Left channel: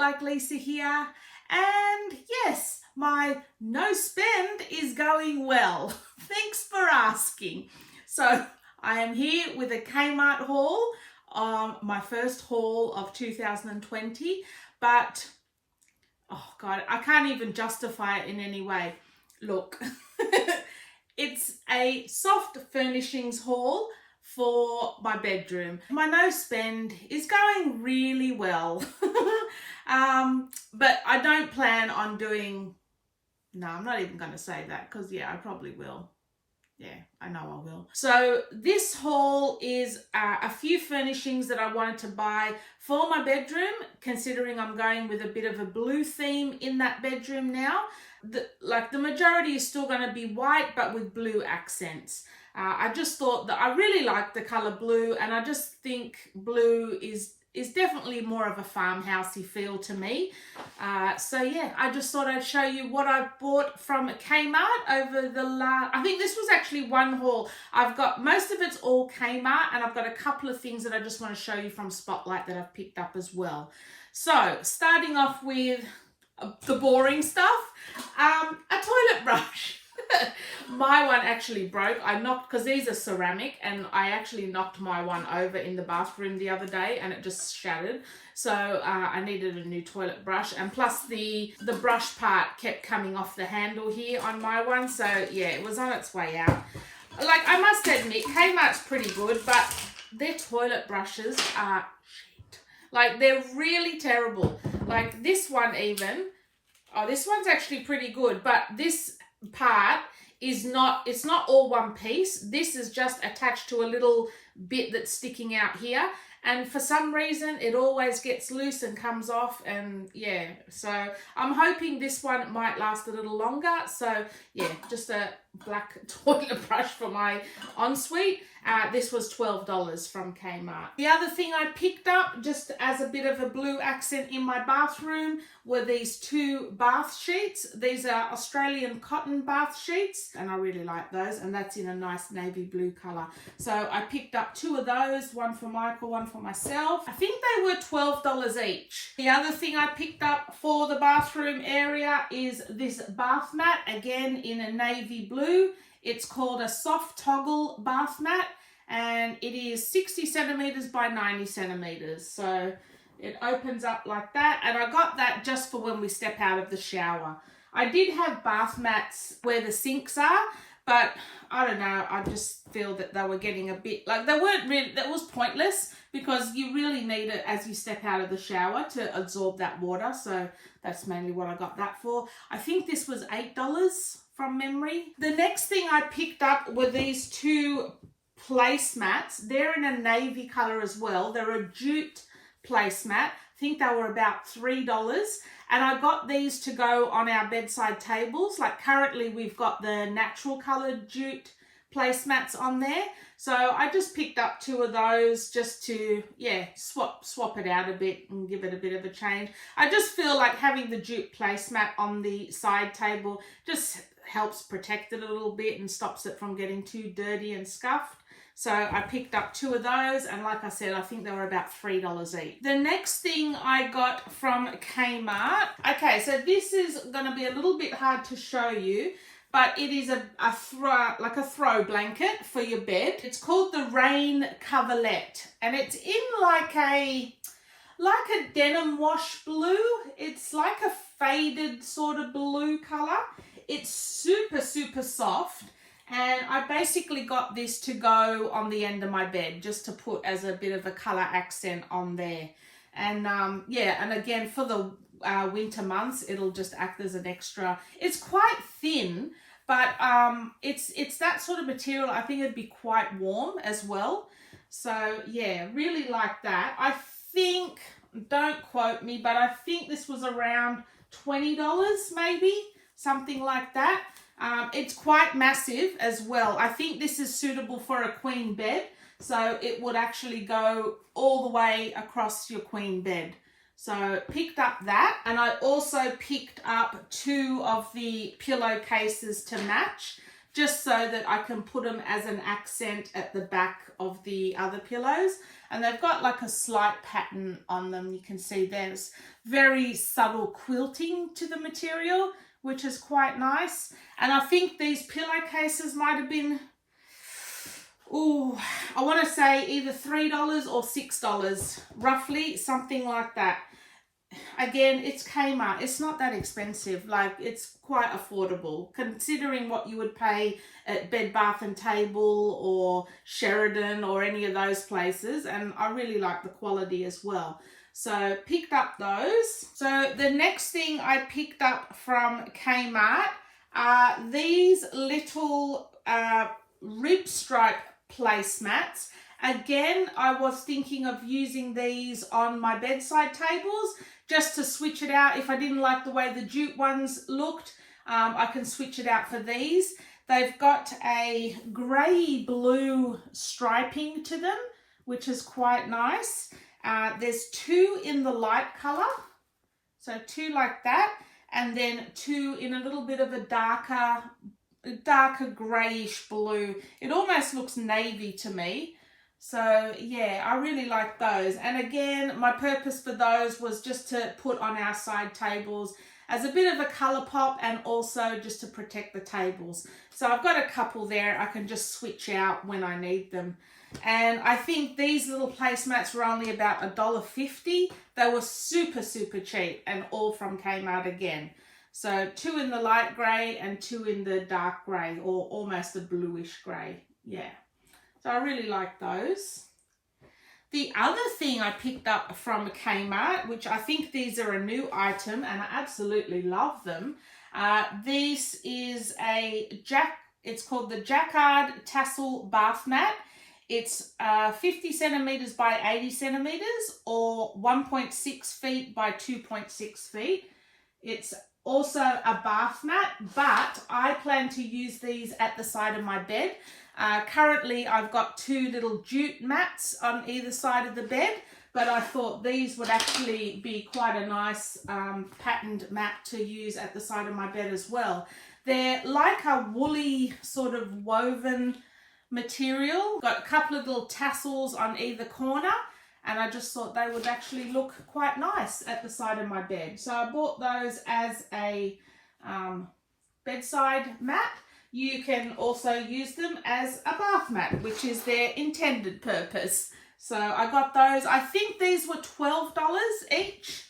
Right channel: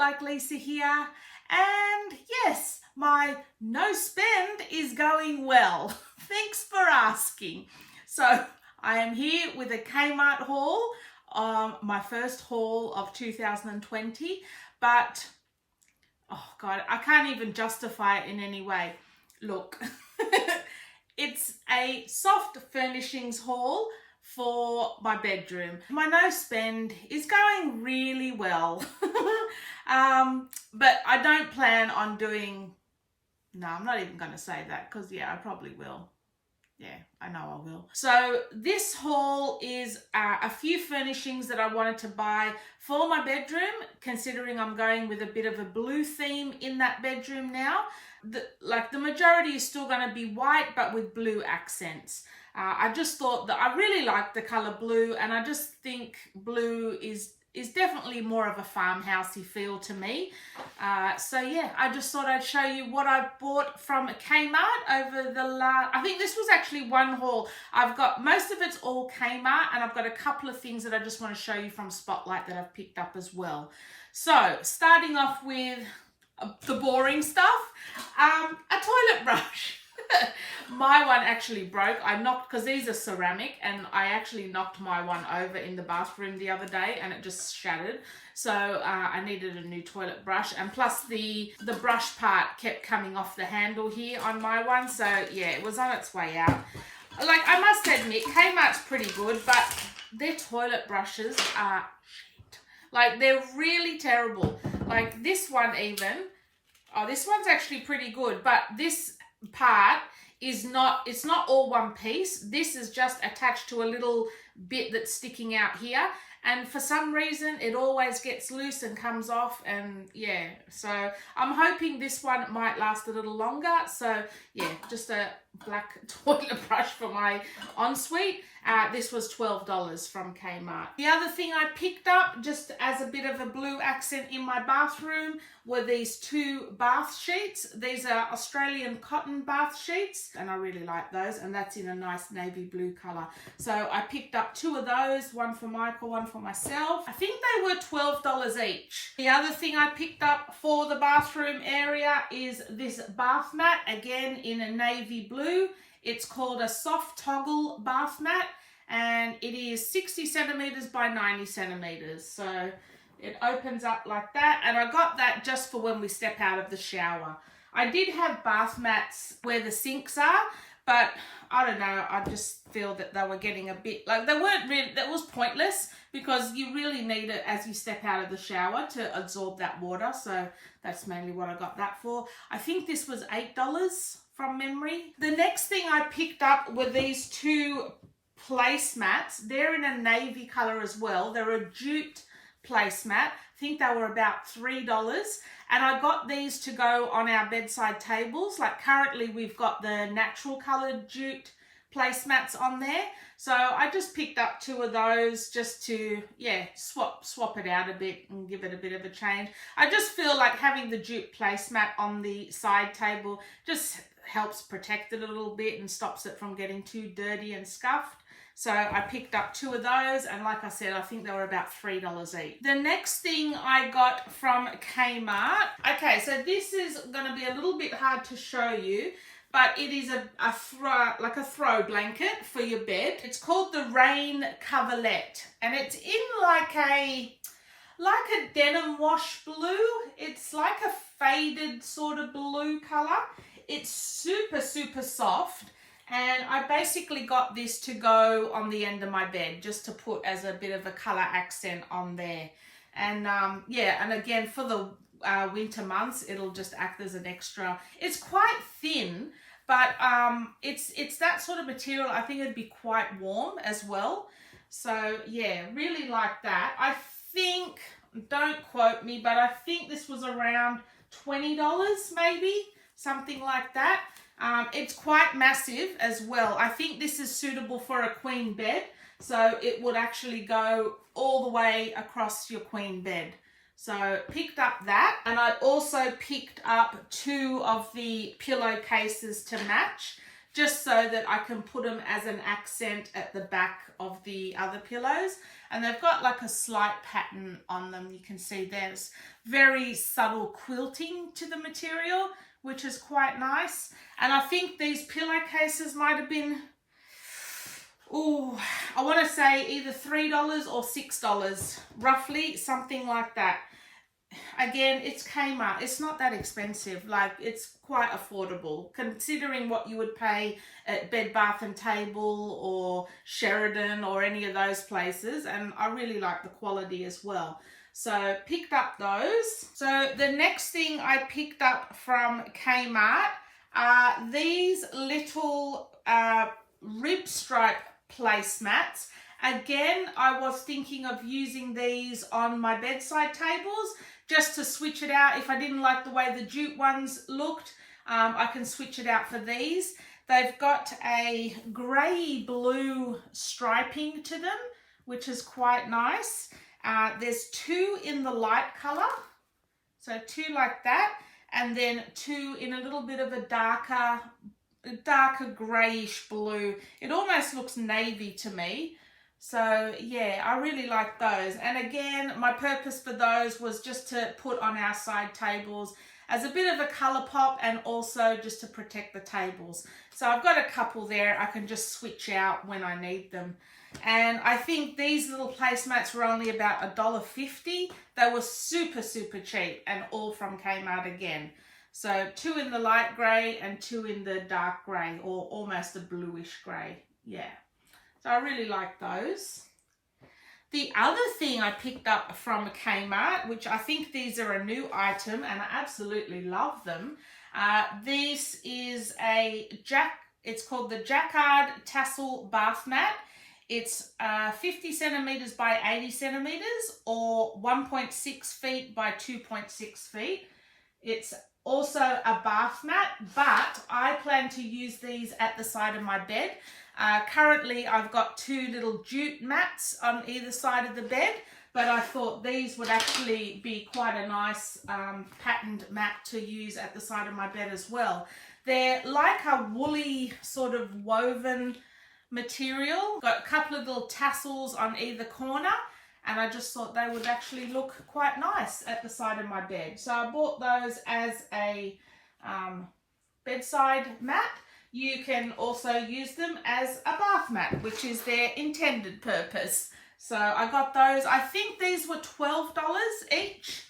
Like Lisa here, and yes, my no spend is going well. Thanks for asking. So I am here with a Kmart haul, my first haul of 2020, but oh God, I can't even justify it in any way. Look, it's a soft furnishings haul for my bedroom. My no spend is going really well. But I don't plan on doing, no, I'm not even going to say that because yeah, I probably will. Yeah, I know I will. So this haul is a few furnishings that I wanted to buy for my bedroom, considering I'm going with a bit of a blue theme in that bedroom now. The majority is still going to be white, but with blue accents. I just thought that I really like the color blue, and I just think blue is definitely more of a farmhousey feel to me. So yeah, I just thought I'd show you what I've bought from Kmart over the last, I think this was actually one haul. I've got, most of it's all Kmart, and I've got a couple of things that I just want to show you from Spotlight that I've picked up as well. So starting off with the boring stuff, a toilet brush. My one actually broke. I knocked, because these are ceramic, and I actually knocked my one over in the bathroom the other day and it just shattered. So I needed a new toilet brush, and plus the brush part kept coming off the handle here on my one. So yeah, it was on its way out. Like, I must admit, Kmart's pretty good, but their toilet brushes are shit. Like, they're really terrible. Like this one even, oh, this one's actually pretty good, but this part is not, it's not all one piece. This is just attached to a little bit that's sticking out here, and for some reason it always gets loose and comes off, and yeah, so I'm hoping this one might last a little longer. So yeah, just a black toilet brush for my ensuite. This was $12 from Kmart. The other thing I picked up, just as a bit of a blue accent in my bathroom, were these two bath sheets. These are Australian cotton bath sheets, and I really like those, and that's in a nice navy blue color. So I picked up two of those, one for Michael, one for myself. I think they were $12 each. The other thing I picked up for the bathroom area is this bath mat, again in a navy blue. It's called a soft toggle bath mat, and it is 60 centimeters by 90 centimeters. So it opens up like that, and I got that just for when we step out of the shower. I did have bath mats where the sinks are, but I don't know, I just feel that they were getting a bit, like, they weren't really, that was pointless, because you really need it as you step out of the shower to absorb that water. So that's mainly what I got that for. I think this was $8 from memory. The next thing I picked up were these two placemats. They're in a navy color as well. They're a jute placemat. I think they were about $3, and I got these to go on our bedside tables. Like, currently we've got the natural colored jute placemats on there, so I just picked up two of those just to, yeah, swap it out a bit and give it a bit of a change. I just feel like having the jute placemat on the side table just helps protect it a little bit and stops it from getting too dirty and scuffed. So I picked up two of those, and like I said, I think they were about $3 each. The next thing I got from Kmart, okay, so this is going to be a little bit hard to show you, but it is a throw blanket for your bed. It's called the Rain Coverlet, and it's in like a denim wash blue. It's like a faded sort of blue color. It's super, super soft. And I basically got this to go on the end of my bed, just to put as a bit of a color accent on there. And yeah, and again, for the winter months, it'll just act as an extra. It's quite thin, but it's that sort of material. I think it'd be quite warm as well. So yeah, really like that. I think, don't quote me, but I think this was around $20 maybe, something like that. It's quite massive as well. I think this is suitable for a queen bed, so it would actually go all the way across your queen bed. So picked up that, and I also picked up two of the pillowcases to match. just so that I can put them as an accent at the back of the other pillows. And they've got like a slight pattern on them. You can see there's very subtle quilting to the material, which is quite nice. And I think these pillowcases might have been, oh, I want to say either $3 or $6, roughly, something like that. Again, it's Kmart. It's not that expensive. Like, it's quite affordable considering what you would pay at Bed Bath and Table or Sheridan or any of those places. And I really like the quality as well. So picked up those. So the next thing I picked up from Kmart are these little rib stripe placemats. Again, I was thinking of using these on my bedside tables just to switch it out. If I didn't like the way the jute ones looked, I can switch it out for these. They've got a grey blue striping to them, which is quite nice. There's two in the light colour, so two like that, and then two in a little bit of a darker greyish blue. It almost looks navy to me. So yeah, I really like those. And again, my purpose for those was just to put on our side tables as a bit of a colour pop and also just to protect the tables. So I've got a couple there I can just switch out when I need them. And I think these little placemats were only about $1.50. They were super, super cheap and all from Kmart again. So two in the light grey and two in the dark grey, or almost a bluish grey. Yeah. So I really like those. The other thing I picked up from Kmart, which I think these are a new item and I absolutely love them. This is it's called the Jacquard Tassel Bath Mat. It's 50 centimeters by 80 centimeters or 1.6 feet by 2.6 feet. It's also a bath mat, but I plan to use these at the side of my bed. Currently, I've got two little jute mats on either side of the bed, but I thought these would actually be quite a nice patterned mat to use at the side of my bed as well. They're like a woolly sort of woven material. Got a couple of little tassels on either corner, and I just thought they would actually look quite nice at the side of my bed. So I bought those as a bedside mat. You can also use them as a bath mat, which is their intended purpose. So I got those. I think these were $12 each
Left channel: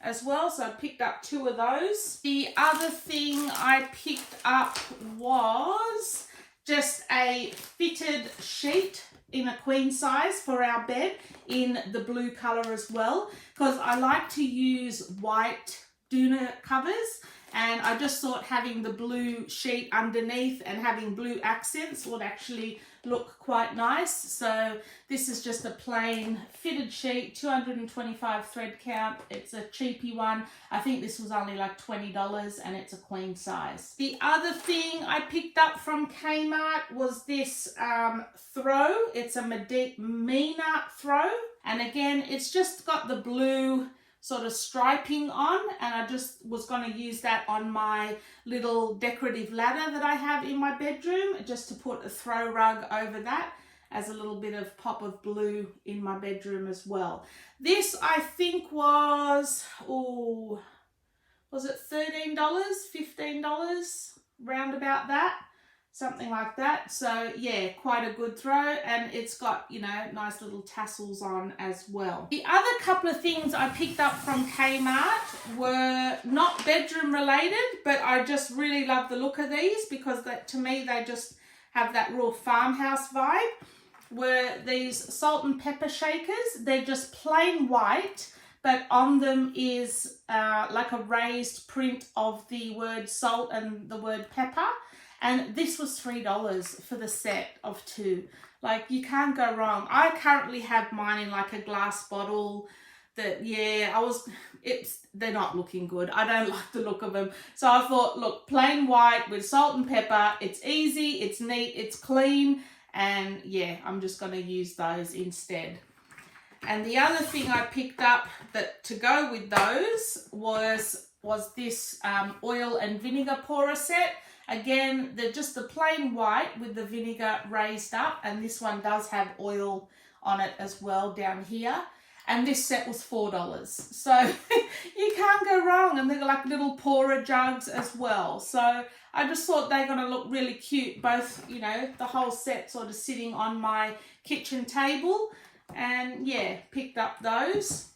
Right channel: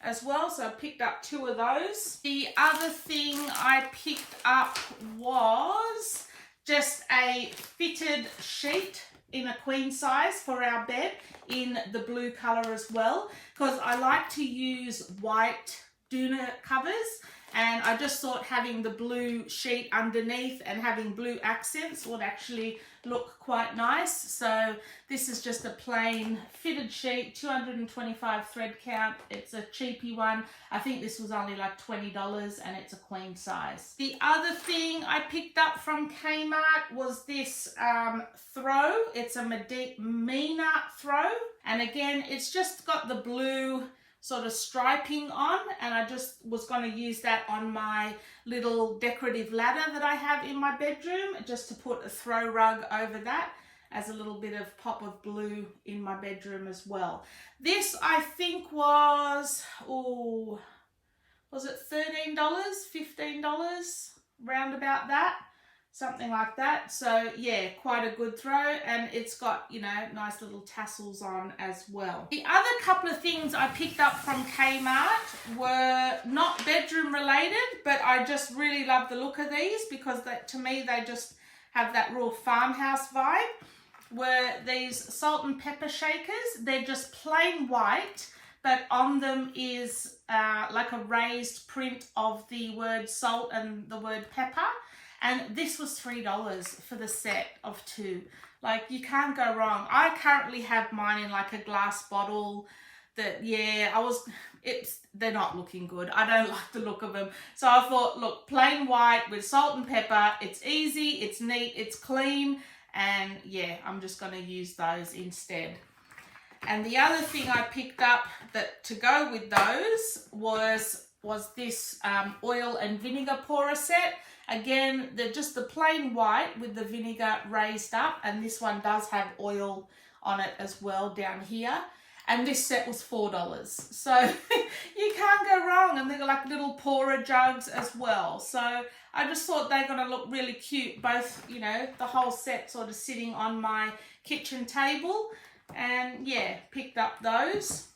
as well, so I picked up two of those. The other thing I picked up was just a fitted sheet in a queen size for our bed in the blue color as well, because I like to use white doona covers, and I just thought having the blue sheet underneath and having blue accents would actually look quite nice. So this is just a plain fitted sheet, 225 thread count. It's a cheapy one. I think this was only like $20 and it's a queen size. The other thing I picked up from Kmart was this throw. It's a Medina throw. And again, it's just got the blue sort of striping on, and I just was going to use that on my little decorative ladder that I have in my bedroom, just to put a throw rug over that as a little bit of pop of blue in my bedroom as well. This I think was, was it $13, $15, round about that, something like that. So yeah, quite a good throw, and it's got, you know, nice little tassels on as well. The other couple of things I picked up from Kmart were not bedroom related, but I just really love the look of these because to me they just have that real farmhouse vibe. Were these salt and pepper shakers. They're just plain white, but on them is like a raised print of the word salt and the word pepper. And this was $3 for the set of two. Like, you can't go wrong. I currently have mine in like a glass bottle that, yeah, they're not looking good. I don't like the look of them. So I thought, look, plain white with salt and pepper. It's easy, it's neat, it's clean. And yeah, I'm just going to use those instead. And the other thing I picked up that to go with those was this oil and vinegar pourer set. Again, they're just the plain white with the vinegar raised up, and this one does have oil on it as well down here. And this set was $4. So you can't go wrong. And they're like little pourer jugs as well. So I just thought they're going to look really cute. Both, you know, the whole set sort of sitting on my kitchen table. And yeah, picked up those.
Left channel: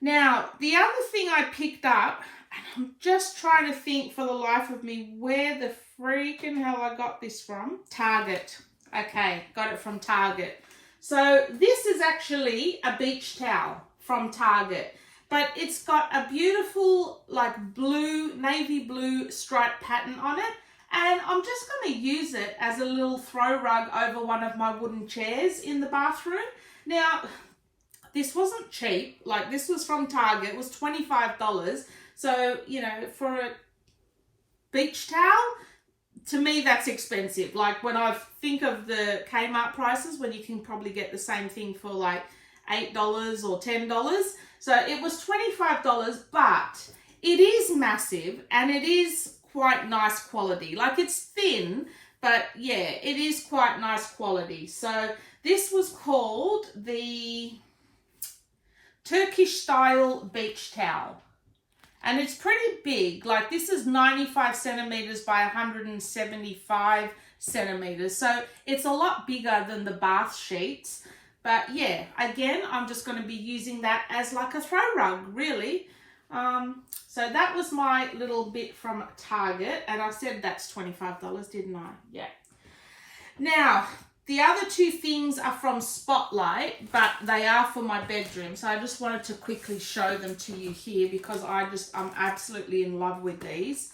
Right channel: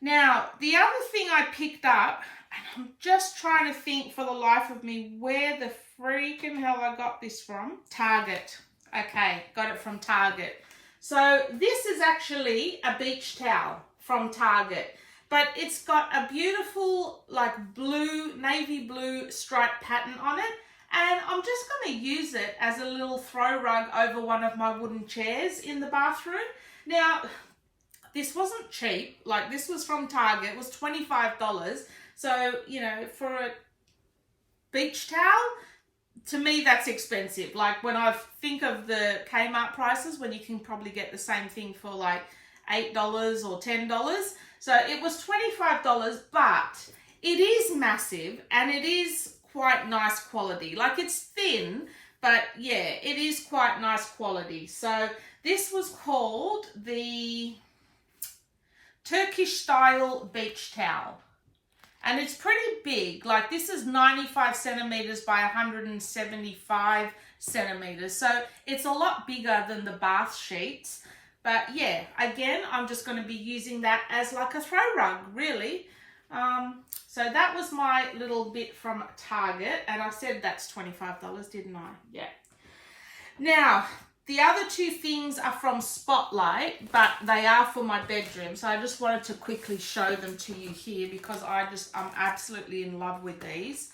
Now, the other thing I picked up, and I'm just trying to think for the life of me where the freaking hell I got this from. Target. Okay, got it from Target. So this is actually a beach towel from Target, but it's got a beautiful like blue, navy blue striped pattern on it. And I'm just going to use it as a little throw rug over one of my wooden chairs in the bathroom. Now, this wasn't cheap. Like, this was from Target. It was $25. So, you know, for a beach towel, to me, that's expensive. Like, when I think of the Kmart prices, when you can probably get the same thing for like $8 or $10. So it was $25, but it is massive and it is quite nice quality. Like, it's thin, but yeah, it is quite nice quality. So this was called the Turkish style beach towel. And it's pretty big. Like, this is 95 centimeters by 175 centimeters. So it's a lot bigger than the bath sheets. But yeah, again, I'm just going to be using that as like a throw rug, really. So that was my little bit from Target. And I said that's $25, didn't I? Yeah. Now, the other two things are from Spotlight, but they are for my bedroom. So I just wanted to quickly show them to you here because I'm absolutely in love with these.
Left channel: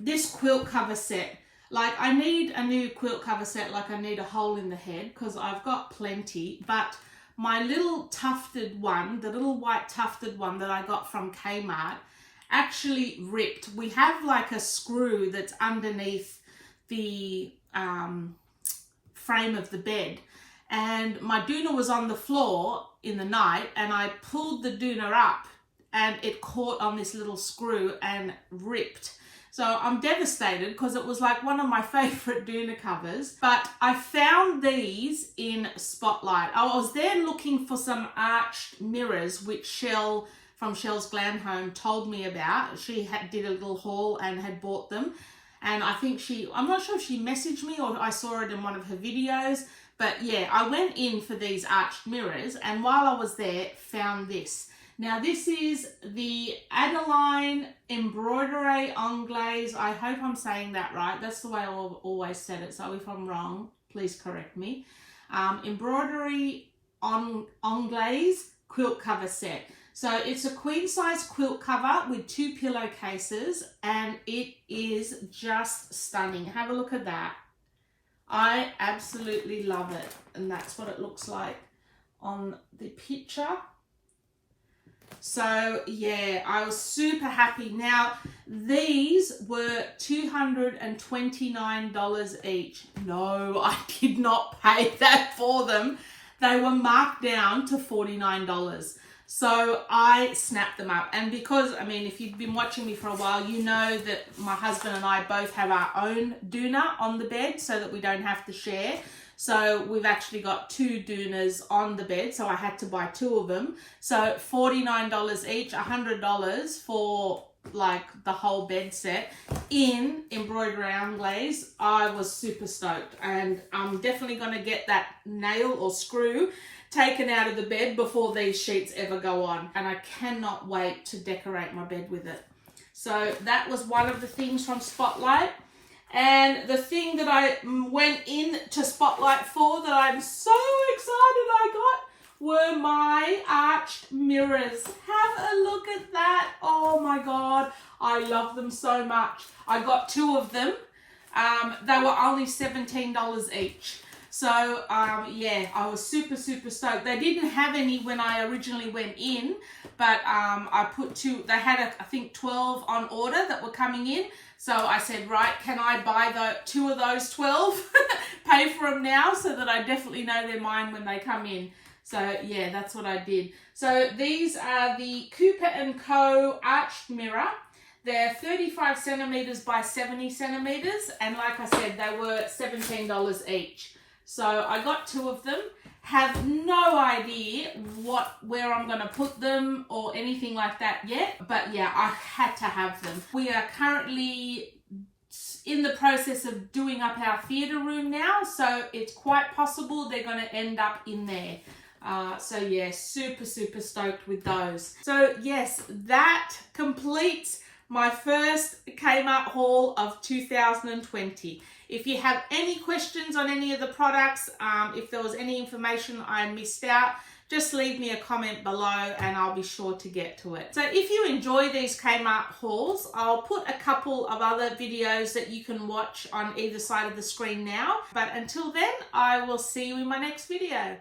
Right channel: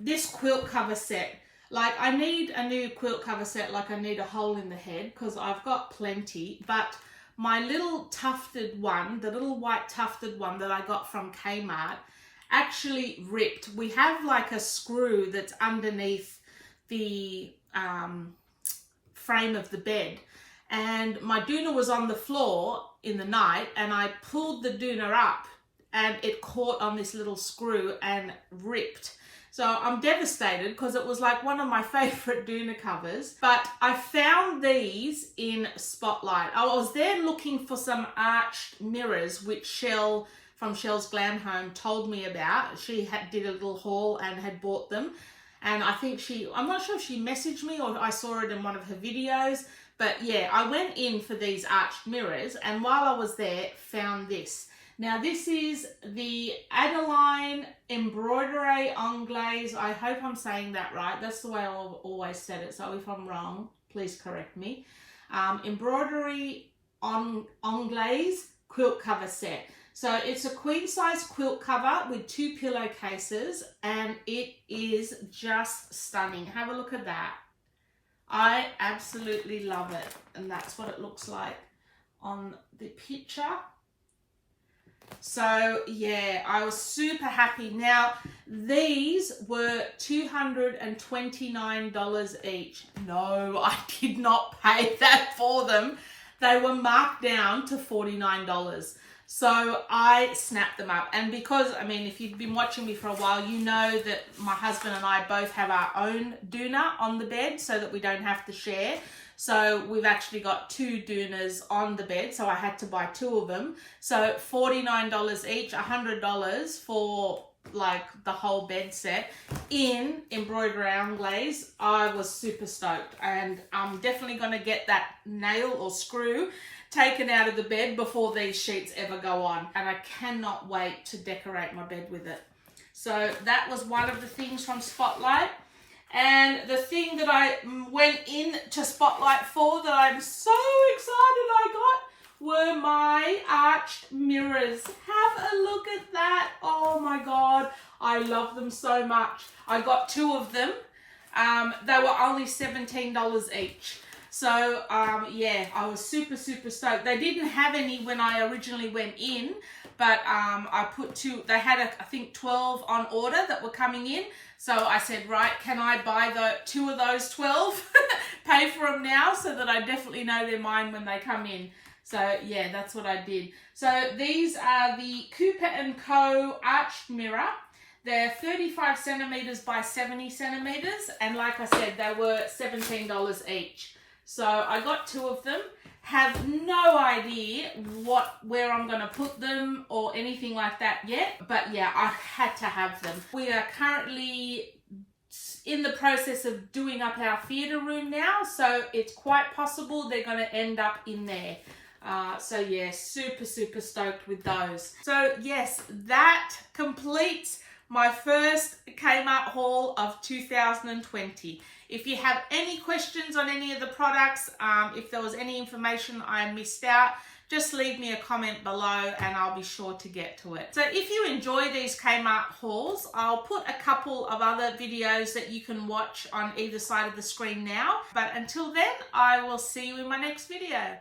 This quilt cover set. Like, I need a new quilt cover set, like I need a hole in the head because I've got plenty. But my little tufted one, the little white tufted one that I got from Kmart, actually ripped. We have like a screw that's underneath the frame of the bed, and my doona was on the floor in the night, and I pulled the doona up and it caught on this little screw and ripped. So I'm devastated because it was like one of my favorite doona covers. But I found these in Spotlight. I was there looking for some arched mirrors, which Shell from Shell's Glam Home told me about. She did a little haul and had bought them. And I think I'm not sure if she messaged me or I saw it in one of her videos. But yeah, I went in for these arched mirrors, and while I was there, found this. Now, this is the Adeline Embroidery Anglaise. I hope I'm saying that right. That's the way I've always said it. So if I'm wrong, please correct me. Embroidery Anglaise quilt cover set. So it's a queen size quilt cover with 2 pillowcases, and it is just stunning. Have a look at that. I absolutely love it. And that's what it looks like on the picture. So yeah, I was super happy. Now, these were $229 each. No, I did not pay that for them. They were marked down to $49. So I snapped them up. And because, I mean, if you've been watching me for a while, you know that my husband and I both have our own doona on the bed so that we don't have to share. So we've actually got 2 doonas on the bed. So I had to buy 2 of them. So $49 each, $100 for like the whole bed set in Embroidery Anglaise. I was super stoked, and I'm definitely going to get that nail or screw taken out of the bed before these sheets ever go on, and I cannot wait to decorate my bed with it. So that was one of the things from Spotlight. And the thing that I went in to Spotlight for that I'm so excited I got were my arched mirrors. Have a look at that. Oh my God, I love them so much. I got 2 of them. They were only $17 each. So yeah, I was super stoked. They didn't have any when I originally went in, but I put 2, they had I think 12 on order that were coming in. So I said, right, can I buy 2 of those 12, pay for them now so that I definitely know they're mine when they come in. So yeah, that's what I did. So these are the Cooper & Co. arched mirror. They're 35 centimeters by 70 centimeters. And like I said, they were $17 each. So I got 2 of them. Have no idea where I'm going to put them or anything like that yet. But yeah, I had to have them. We are currently in the process of doing up our theatre room now. So it's quite possible they're going to end up in there. So yeah, super stoked with those. So yes, that completes my first Kmart haul of 2020. If you have any questions on any of the products, if there was any information I missed out, just leave me a comment below and I'll be sure to get to it. So if you enjoy these Kmart hauls, I'll put a couple of other videos that you can watch on either side of the screen now. But until then, I will see you in my next video.